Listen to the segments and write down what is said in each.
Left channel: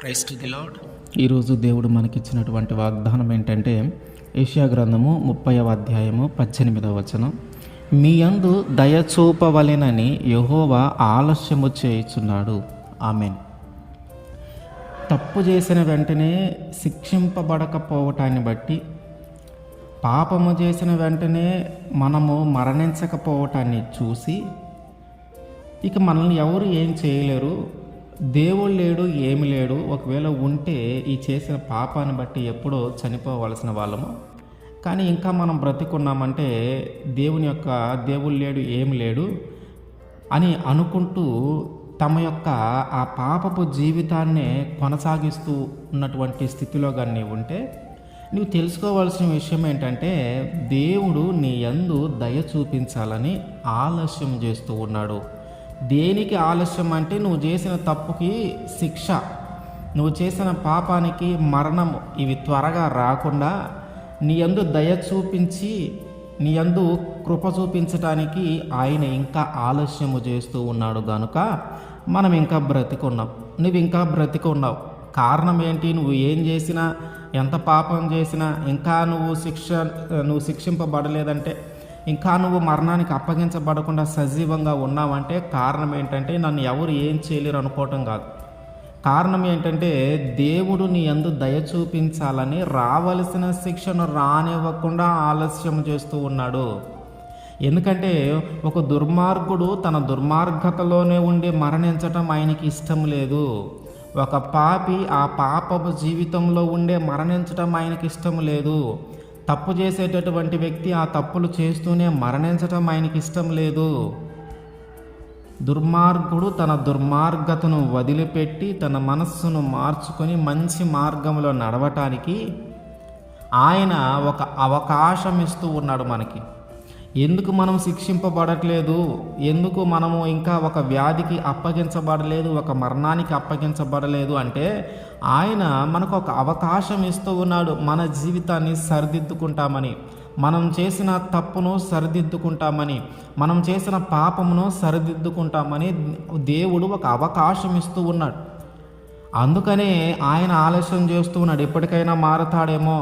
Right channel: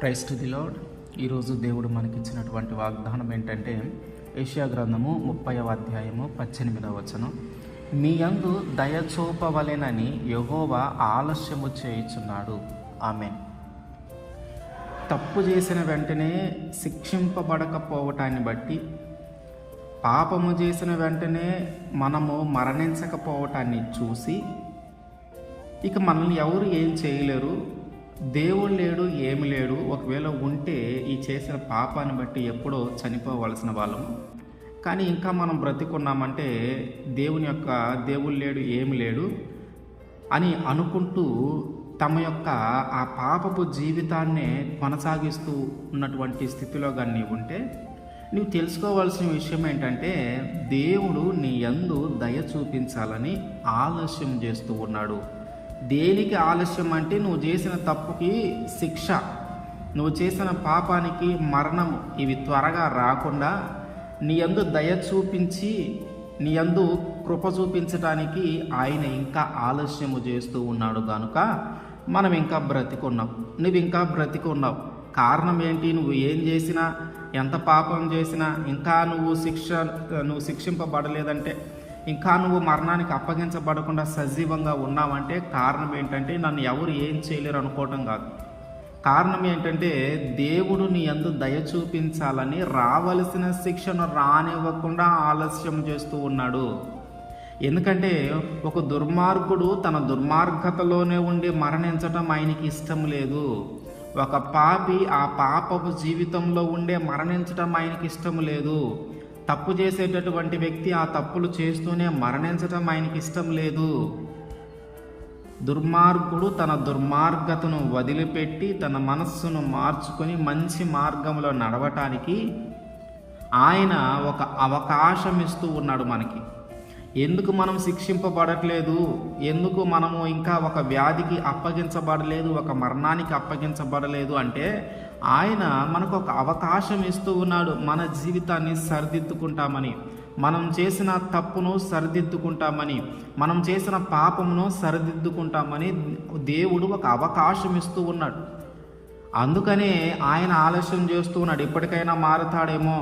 Praise to the lord. ఈరోజు దేవుడు మనకిచ్చినటువంటి వాగ్దానం ఏంటంటే యెషయా గ్రంథము 30వ అధ్యాయము 18వ వచనం. మీ యందు దయ చూపవలెనని యెహోవా ఆలస్యము చేయుచున్నాడు. ఆమేన్. తప్పు చేసిన వెంటనే శిక్షింపబడకపోవటాన్ని బట్టి, పాపము చేసిన వెంటనే మనము మరణించకపోవటాన్ని చూసి ఇక మనల్ని ఎవరు ఏం చేయలేరు, దేవుడు లేడు, ఏమి లేడు, ఒకవేళ ఉంటే ఈ చేసిన పాపాన్ని బట్టి ఎప్పుడో చనిపోవలసిన వాళ్ళము, కానీ ఇంకా మనం బ్రతికున్నామంటే దేవుడు లేడు, ఏమి లేడు అని అనుకుంటూ తమ యొక్క ఆ పాపపు జీవితాన్నే కొనసాగిస్తూ ఉన్నటువంటి స్థితిలో కానీ నీవు ఉంటే, నీవు తెలుసుకోవాల్సిన విషయం ఏంటంటే దేవుడు నీ యందు దయ చూపించాలని ఆలస్యం చేస్తూ ఉన్నాడు. దేనికి ఆలస్యం అంటే నువ్వు చేసిన తప్పుకి శిక్ష, నువ్వు చేసిన పాపానికి మరణం, ఇవి త్వరగా రాకుండా నీ యందు దయ చూపించి నీ యందు కృప చూపించడానికి ఆయన ఇంకా ఆలస్యము చేస్తూ ఉన్నాడు. కనుక మనం ఇంకా బ్రతికున్నాం, నువ్వు ఇంకా బ్రతికున్నావు. కారణం ఏంటి? నువ్వు ఏం చేసినా, ఎంత పాపం చేసినా ఇంకా నువ్వు శిక్షింపబడలేదంటే, ఇంకా నువ్వు మరణానికి అప్పగించబడకుండా సజీవంగా ఉన్నావంటే కారణం ఏంటంటే నన్ను ఎవరు ఏం చేయలేరు అనుకోవటం కాదు. కారణం ఏంటంటే దేవుడు నీ యందు దయ చూపించాలని రావలసిన శిక్షను రానివ్వకుండా ఆలస్యం చేస్తూ ఉన్నాడు. ఎందుకంటే ఒక దుర్మార్గుడు తన దుర్మార్గతలోనే ఉండి మరణించటం ఆయనకి ఇష్టం లేదు. ఒక పాపి ఆ పాపపు జీవితంలో ఉండే మరణించటం ఆయనకి ఇష్టం లేదు. తప్పు చేసేటటువంటి వ్యక్తి ఆ తప్పులు చేస్తూనే మరణించటం ఆయనకి ఇష్టం లేదు. దుర్మార్గుడు తన దుర్మార్గతను వదిలిపెట్టి తన మనస్సును మార్చుకొని మంచి మార్గంలో నడవటానికి ఆయన ఒక అవకాశం ఇస్తూ ఉన్నాడు మనకి. ఎందుకు మనం శిక్షింపబడట్లేదు, ఎందుకు మనము ఇంకా ఒక వ్యాధికి అప్పగించబడలేదు, ఒక మరణానికి అప్పగించబడలేదు అంటే ఆయన మనకు ఒక అవకాశం ఇస్తూ ఉన్నాడు. మన జీవితాన్ని సరిదిద్దుకుంటామని, మనం చేసిన తప్పును సరిదిద్దుకుంటామని, మనం చేసిన పాపమును సరిదిద్దుకుంటామని దేవుడు ఒక అవకాశం ఇస్తూ ఉన్నాడు. అందుకనే ఆయన ఆలస్యం చేస్తూ ఉన్నాడు. ఎప్పటికైనా మారతాడేమో,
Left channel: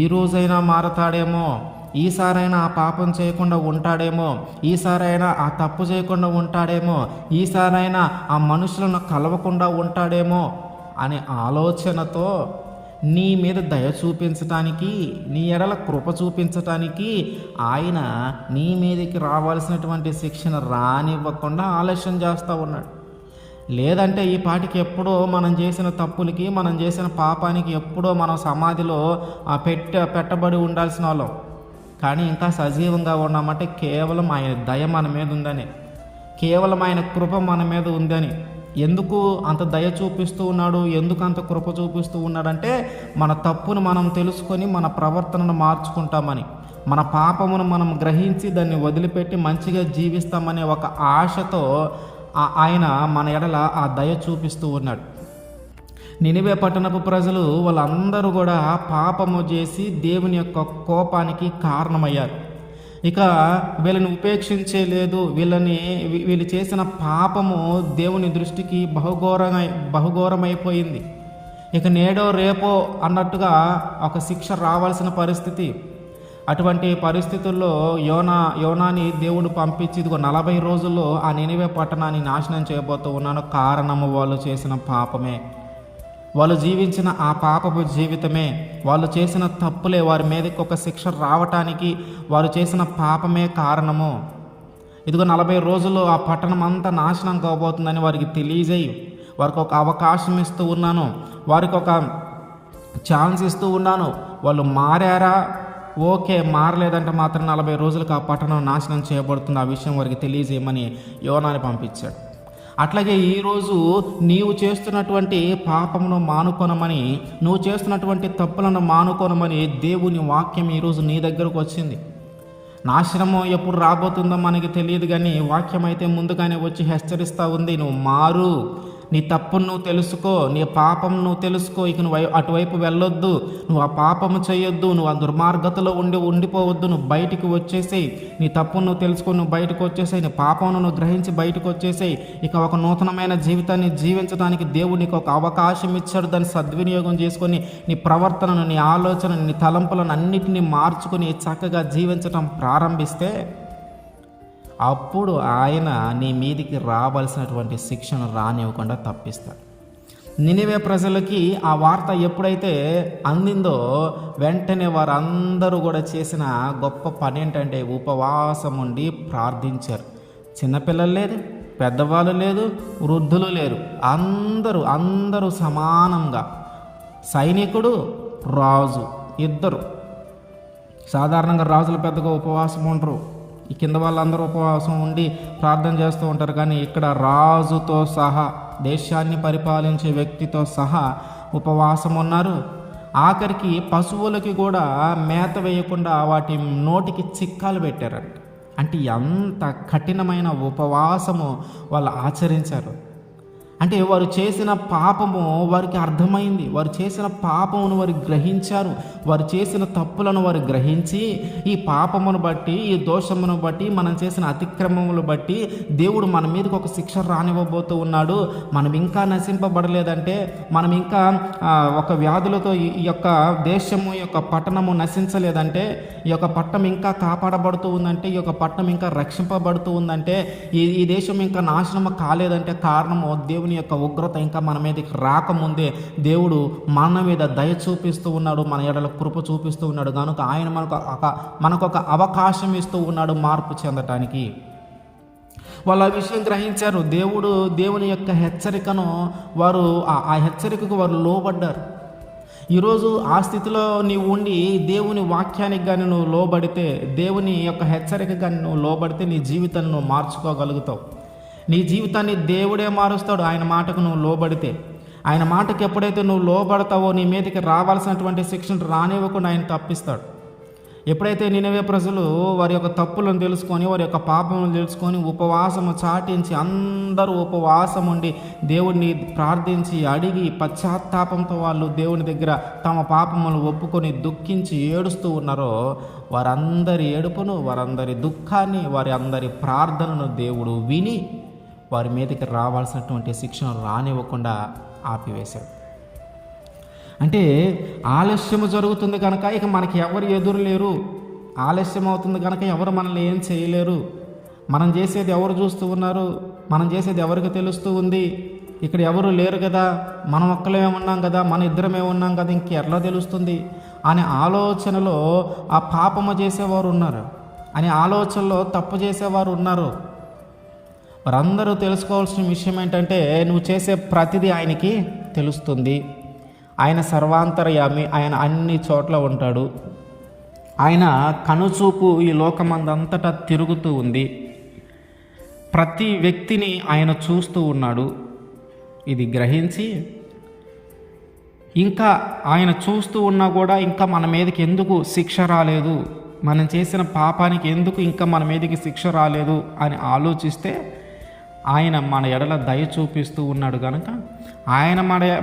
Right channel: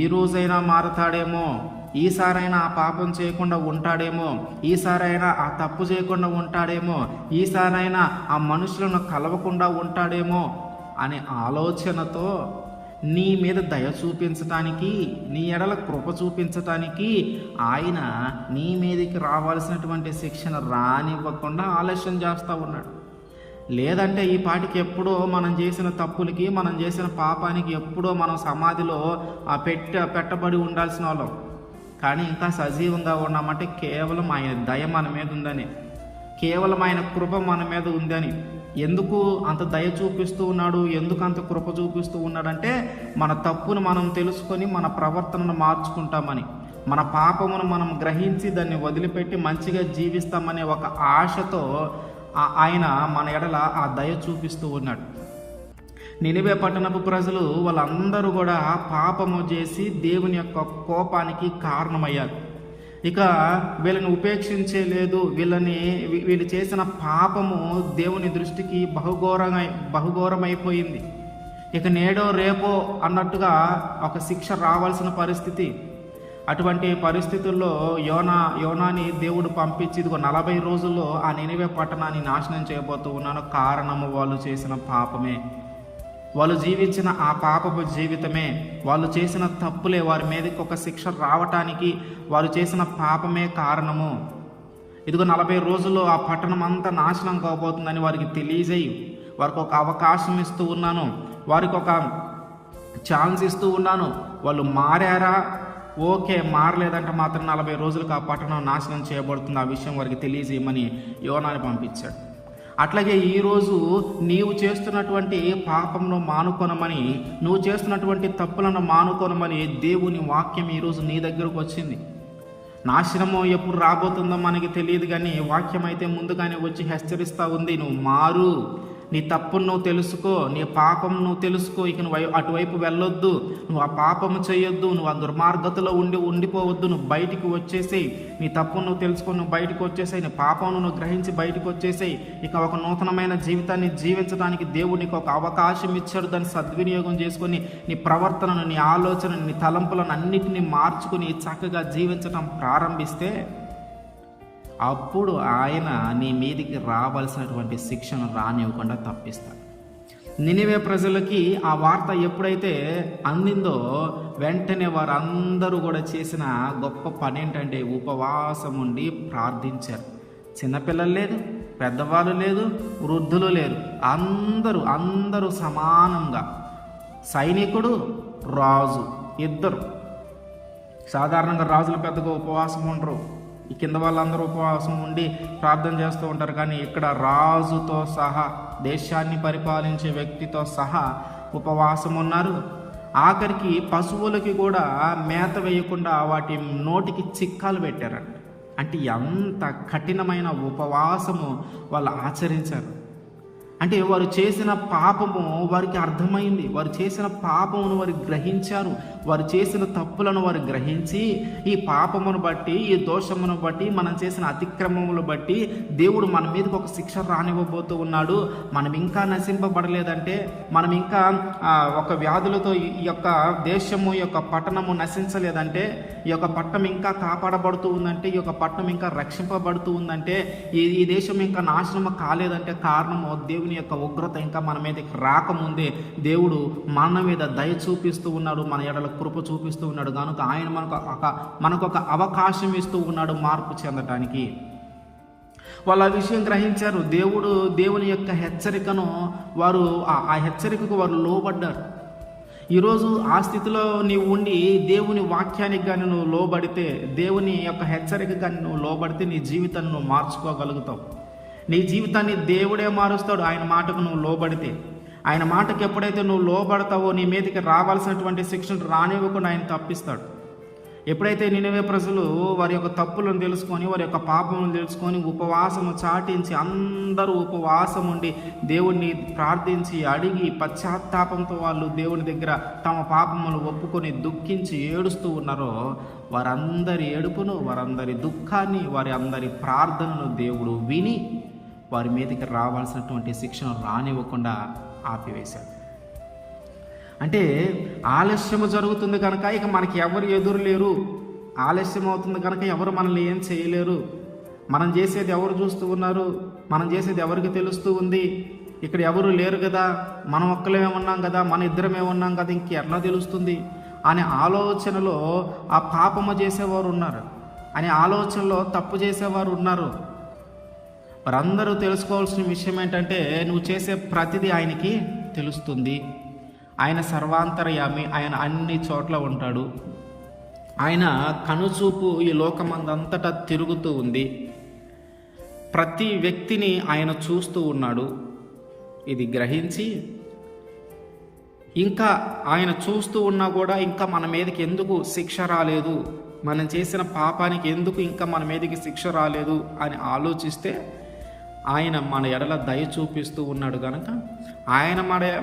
ఈ రోజైనా మారతాడేమో, ఈసారైనా ఆ పాపం చేయకుండా ఉంటాడేమో, ఈసారైనా ఆ తప్పు చేయకుండా ఉంటాడేమో, ఈసారైనా ఆ మనుషులను కలవకుండా ఉంటాడేమో అనే ఆలోచనతో నీ మీద దయ చూపించటానికి, నీ ఎడల కృప చూపించటానికి ఆయన నీ మీదకి రావాల్సినటువంటి శిక్షణ రానివ్వకుండా ఆలస్యం చేస్తూ ఉన్నాడు. లేదంటే ఈ పాటికి ఎప్పుడో మనం చేసిన తప్పులకి, మనం చేసిన పాపానికి ఎప్పుడో మనం సమాధిలో పెట్టబడి ఉండాల్సిన వాళ్ళం. కానీ ఇంకా సజీవంగా ఉన్నామంటే కేవలం ఆయన దయ మన మీద ఉందని, కేవలం ఆయన కృప మన మీద ఉందని. ఎందుకు అంత దయ చూపిస్తూ ఉన్నాడు, ఎందుకు అంత కృప చూపిస్తూ ఉన్నాడంటే మన తప్పును మనం తెలుసుకొని మన ప్రవర్తనను మార్చుకుంటామని, మన పాపమును మనం గ్రహించి దాన్ని వదిలిపెట్టి మంచిగా జీవిస్తామనే ఒక ఆశతో ఆయన మన ఎడల ఆ దయ చూపిస్తూ ఉన్నాడు. నినివే పట్టణపు ప్రజలు వాళ్ళందరూ కూడా పాపము చేసి దేవుని యొక్క కోపానికి కారణమయ్యారు. ఇక వీళ్ళని ఉపేక్షించలేదు. వీళ్ళు చేసిన పాపము దేవుని దృష్టికి బహుఘోరమైపోయింది. ఇక నేడో రేపో అన్నట్టుగా ఒక శిక్ష రావాల్సిన పరిస్థితి. అటువంటి పరిస్థితుల్లో యోనాని దేవుడు పంపించి ఇదిగో 40 రోజుల్లో ఆ నినివే పట్టణాన్ని నాశనం చేయబోతూ ఉన్నాను. కారణము వాళ్ళు చేసిన పాపమే, వాళ్ళు జీవించిన ఆ పాపపు జీవితమే, వాళ్ళు చేసిన తప్పులే వారి మీదకి ఒక శిక్ష రావటానికి వారు చేసిన పాపమే కారణము. ఇదిగో 40 రోజుల్లో ఆ పట్టణం అంతా నాశనం కాబోతుందని వారికి తెలియజేయి, వారికి ఒక అవకాశం ఇస్తూ ఉన్నాను, వారికి ఒక ఛాన్స్ ఇస్తూ ఉన్నాను. వాళ్ళు మారారా? ఓకే. మారలేదంటే మాత్రం 40 రోజులకు ఆ పట్టణం నాశనం చేయబడుతుంది. ఆ విషయం వారికి తెలియజేయమని యోనాని పంపించాడు. అట్లాగే ఈరోజు నీవు చేస్తున్నటువంటి పాపమును మానుకొనమని, నువ్వు చేస్తున్నటువంటి తప్పులను మానుకొనమని దేవుని వాక్యం ఈరోజు నీ దగ్గరకు వచ్చింది. నాశనము ఎప్పుడు రాబోతుందో మనకి తెలియదు, కానీ వాక్యం అయితే ముందుగానే వచ్చి హెచ్చరిస్తూ ఉంది. నువ్వు మారు, నీ తప్పును నువ్వు తెలుసుకో, నీ పాపం నువ్వు తెలుసుకో. ఇక నువ్వు అటువైపు వెళ్ళొద్దు, నువ్వు ఆ పాపము చేయొద్దు, నువ్వు ఆ దుర్మార్గతలో ఉండిపోవద్దు. నువ్వు బయటికి వచ్చేసేయి, నీ తప్పును నువ్వు తెలుసుకొని నువ్వు బయటకు వచ్చేసేయి, నీ పాపమును నువ్వు గ్రహించి బయటకు వచ్చేసేయి. ఇక ఒక నూతనమైన జీవితాన్ని జీవించడానికి దేవుడు నీకు ఒక అవకాశం ఇచ్చాడు. దాన్ని సద్వినియోగం చేసుకొని నీ ప్రవర్తనను, నీ ఆలోచనను, నీ తలంపులను అన్నిటినీ మార్చుకొని చక్కగా జీవించడం ప్రారంభిస్తే అప్పుడు ఆయన నీ మీదికి రావాల్సినటువంటి శిక్షను రానివ్వకుండా తప్పిస్తాడు. నినివే ప్రజలకి ఆ వార్త ఎప్పుడైతే అందిందో వెంటనే వారందరూ కూడా చేసిన గొప్ప పని ఏంటంటే ఉపవాసం ఉండి ప్రార్థించారు. చిన్నపిల్లలు లేదు, పెద్దవాళ్ళు లేదు, వృద్ధులు లేరు, అందరూ సమానంగా, సైనికుడు, రాజు ఇద్దరు. సాధారణంగా రాజులు పెద్దగా ఉపవాసం ఉండరు, ఈ కింద వాళ్ళందరూ ఉపవాసం ఉండి ప్రార్థన చేస్తూ ఉంటారు. కానీ ఇక్కడ రాజుతో సహా, దేశాన్ని పరిపాలించే వ్యక్తితో సహా ఉపవాసం ఉన్నారు. ఆఖరికి పశువులకి కూడా మేత వేయకుండా వాటి నోటికి చిక్కాలు పెట్టారంట. అంటే ఎంత కఠినమైన ఉపవాసము వాళ్ళు ఆచరించారు. అంటే వారు చేసిన పాపము వారికి అర్థమైంది, వారు చేసిన పాపమును వారు గ్రహించారు, వారు చేసిన తప్పులను వారు గ్రహించి ఈ పాపమును బట్టి, ఈ దోషమును బట్టి, మనం చేసిన అతిక్రమములు బట్టి దేవుడు మన మీదకి ఒక శిక్ష రానివ్వబోతూ ఉన్నాడు. మనం ఇంకా నశింపబడలేదంటే, మనం ఇంకా ఒక వ్యాధులతో ఈ యొక్క దేశము, ఈ యొక్క పట్టణము నశించలేదంటే, ఈ యొక్క పట్టణం ఇంకా కాపాడబడుతూ ఉందంటే, ఈ యొక్క పట్టణం ఇంకా రక్షింపబడుతూ ఉందంటే, ఈ దేశం ఇంకా నాశనం కాలేదంటే కారణము దేవుని యొక్క ఉగ్రత ఇంకా మన మీదకి రాకముందే దేవుడు మన మీద దయ చూపిస్తూ ఉన్నాడు, మన ఎడల కృప చూపిస్తూ ఉన్నాడు. కనుక ఆయన మనకు ఒక అవకాశం ఇస్తూ ఉన్నాడు మార్పు చెందటానికి. వాళ్ళు ఆ విషయం గ్రహించారు. దేవుని యొక్క హెచ్చరికను వారు ఆ హెచ్చరికకు వారు లోబడ్డారు. ఈరోజు ఆ స్థితిలో నీవు ఉండి దేవుని వాక్యానికి కానీ నువ్వు లోబడితే, దేవుని యొక్క హెచ్చరిక కానీ నువ్వు లోబడితే నీ జీవితాన్ని నువ్వు మార్చుకోగలుగుతావు. నీ జీవితాన్ని దేవుడే మారుస్తాడు ఆయన మాటకు నువ్వు లోబడితే. ఆయన మాటకి ఎప్పుడైతే నువ్వు లోబడతావో నీ మీదకి రావాల్సినటువంటి శిక్షను రానివ్వకుండా ఆయన తప్పిస్తాడు. ఎప్పుడైతే నినివే ప్రజలు వారి యొక్క తప్పులను తెలుసుకొని, వారి యొక్క పాపములను తెలుసుకొని ఉపవాసము చాటించి అందరూ ఉపవాసం ఉండి దేవుడిని ప్రార్థించి అడిగి పశ్చాత్తాపంతో వాళ్ళు దేవుని దగ్గర తమ పాపములను ఒప్పుకొని దుఃఖించి ఏడుస్తూ ఉన్నారో, వారందరి ఏడుపును, వారందరి దుఃఖాన్ని, వారి అందరి ప్రార్థనను దేవుడు విని వారి మీదకి రావాల్సినటువంటి శిక్షను రానివ్వకుండా ఆపివేశాడు. అంటే ఆలస్యము జరుగుతుంది కనుక ఇక మనకి ఎవరు ఎదురు లేరు, ఆలస్యం అవుతుంది కనుక ఎవరు మనల్ని ఏం చేయలేరు, మనం చేసేది ఎవరు చూస్తూ ఉన్నారు, మనం చేసేది ఎవరికి తెలుస్తూ ఉంది, ఇక్కడ ఎవరు లేరు కదా, మనం ఒక్కలేమే ఉన్నాం కదా, మన ఇద్దరమే ఉన్నాం కదా, ఇంకెట్లా తెలుస్తుంది అనే ఆలోచనలో ఆ పాపము చేసేవారు ఉన్నారు, అనే ఆలోచనలో తప్పు చేసేవారు ఉన్నారు. వారందరూ తెలుసుకోవాల్సిన విషయం ఏంటంటే, నువ్వు చేసే ప్రతిదీ ఆయనకి తెలుస్తుంది. ఆయన సర్వాంతర్యామి, ఆయన అన్ని చోట్ల ఉంటాడు. ఆయన కనుచూపు ఈ లోకమందంతటా తిరుగుతూ ఉంది. ప్రతి వ్యక్తిని ఆయన చూస్తూ ఉన్నాడు. ఇది గ్రహించి ఇంకా ఆయన చూస్తూ ఉన్నా కూడా ఇంకా మన మీదకి ఎందుకు శిక్ష రాలేదు, మనం చేసిన పాపానికి ఎందుకు ఇంకా మన మీదకి శిక్ష రాలేదు అని ఆలోచిస్తే, ఆయన మన ఎడల దయ చూపిస్తూ ఉన్నాడు కనుక, ఆయన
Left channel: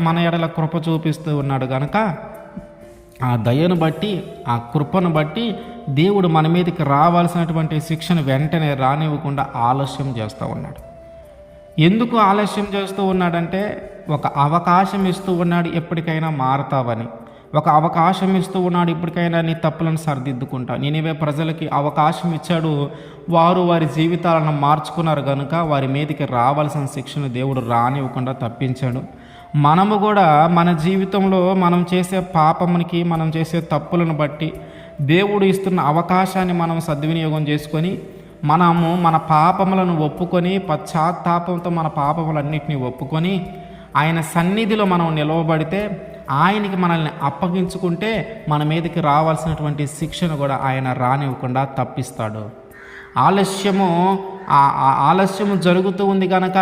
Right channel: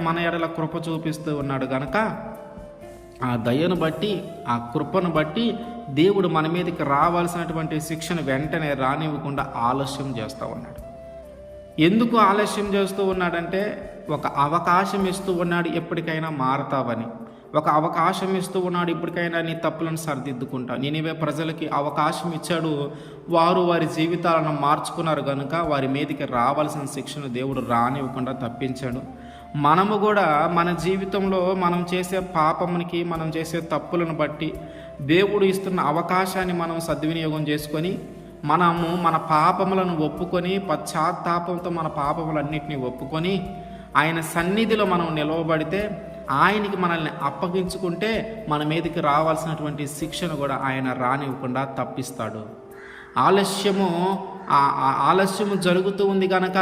మన ఎడల కృప చూపిస్తూ ఉన్నాడు కనుక, ఆ దయను బట్టి, ఆ కృపను బట్టి దేవుడు మన మీదకి రావాల్సినటువంటి శిక్షను వెంటనే రానివ్వకుండా ఆలస్యం చేస్తూ ఉన్నాడు. ఎందుకు ఆలస్యం చేస్తూ ఉన్నాడంటే, ఒక అవకాశం ఇస్తూ ఉన్నాడు ఎప్పటికైనా మారతావని, ఒక అవకాశం ఇస్తూ ఉన్నాడు ఇప్పటికైనా నీ తప్పులను సరిదిద్దుకుంటా. నినివే ప్రజలకి అవకాశం ఇచ్చాడు, వారు వారి జీవితాలను మార్చుకున్నారు కనుక వారి మీదకి రావాల్సిన శిక్షను దేవుడు రానివ్వకుండా తప్పించాడు. మనము కూడా మన జీవితంలో మనం చేసే పాపమునికి, మనం చేసే తప్పులను బట్టి దేవుడు ఇస్తున్న అవకాశాన్ని మనం సద్వినియోగం చేసుకొని మనము మన పాపములను ఒప్పుకొని పశ్చాత్తాపంతో మన పాపములన్నింటినీ ఒప్పుకొని ఆయన సన్నిధిలో మనం నిలవబడితే, ఆయనకి మనల్ని అప్పగించుకుంటే మన మీదకి రావాల్సినటువంటి శిక్షను కూడా ఆయన రానివ్వకుండా తప్పిస్తాడు. ఆలస్యము జరుగుతూ ఉంది కనుక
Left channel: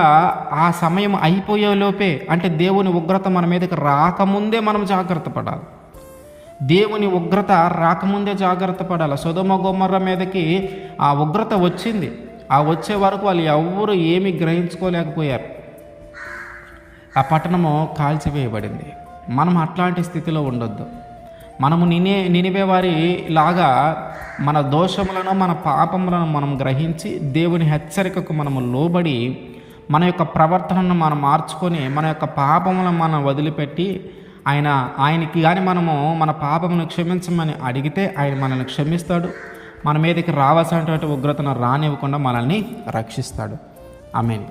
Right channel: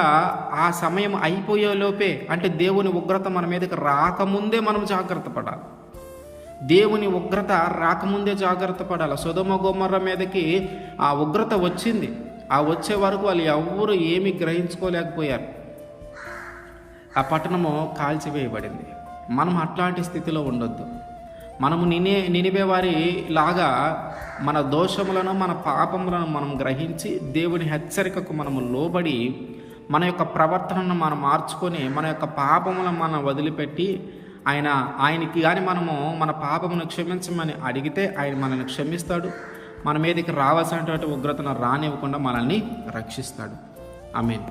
ఆ సమయం అయిపోయేలోపే, అంటే దేవుని ఉగ్రత మన మీదకి రాకముందే మనం జాగ్రత్త పడాలి. దేవుని ఉగ్రత రాకముందే జాగ్రత్త పడాలి. సొదొమ గొమొర్రా మీదకి ఆ ఉగ్రత వచ్చింది, ఆ వచ్చే వరకు వాళ్ళు ఎవ్వరూ ఏమీ గ్రహించుకోలేకపోయారు. ఆ పట్టణము కాల్చివేయబడింది. మనం అట్లాంటి స్థితిలో ఉండొద్దు. మనము నినివే వారి లాగా మన దోషములను, మన పాపములను మనం గ్రహించి దేవుని హెచ్చరికకు మనము లోబడి మన యొక్క ప్రవర్తనను మనం మార్చుకొని మన యొక్క పాపములను మనం వదిలిపెట్టి ఆయనకి కానీ మనము మన పాపమును క్షమించమని అడిగితే ఆయన మనల్ని క్షమిస్తాడు. మన మీదకి రావాల్సినటువంటి ఉగ్రతను రానివ్వకుండా మనల్ని రక్షిస్తాడు. ఆమేన్.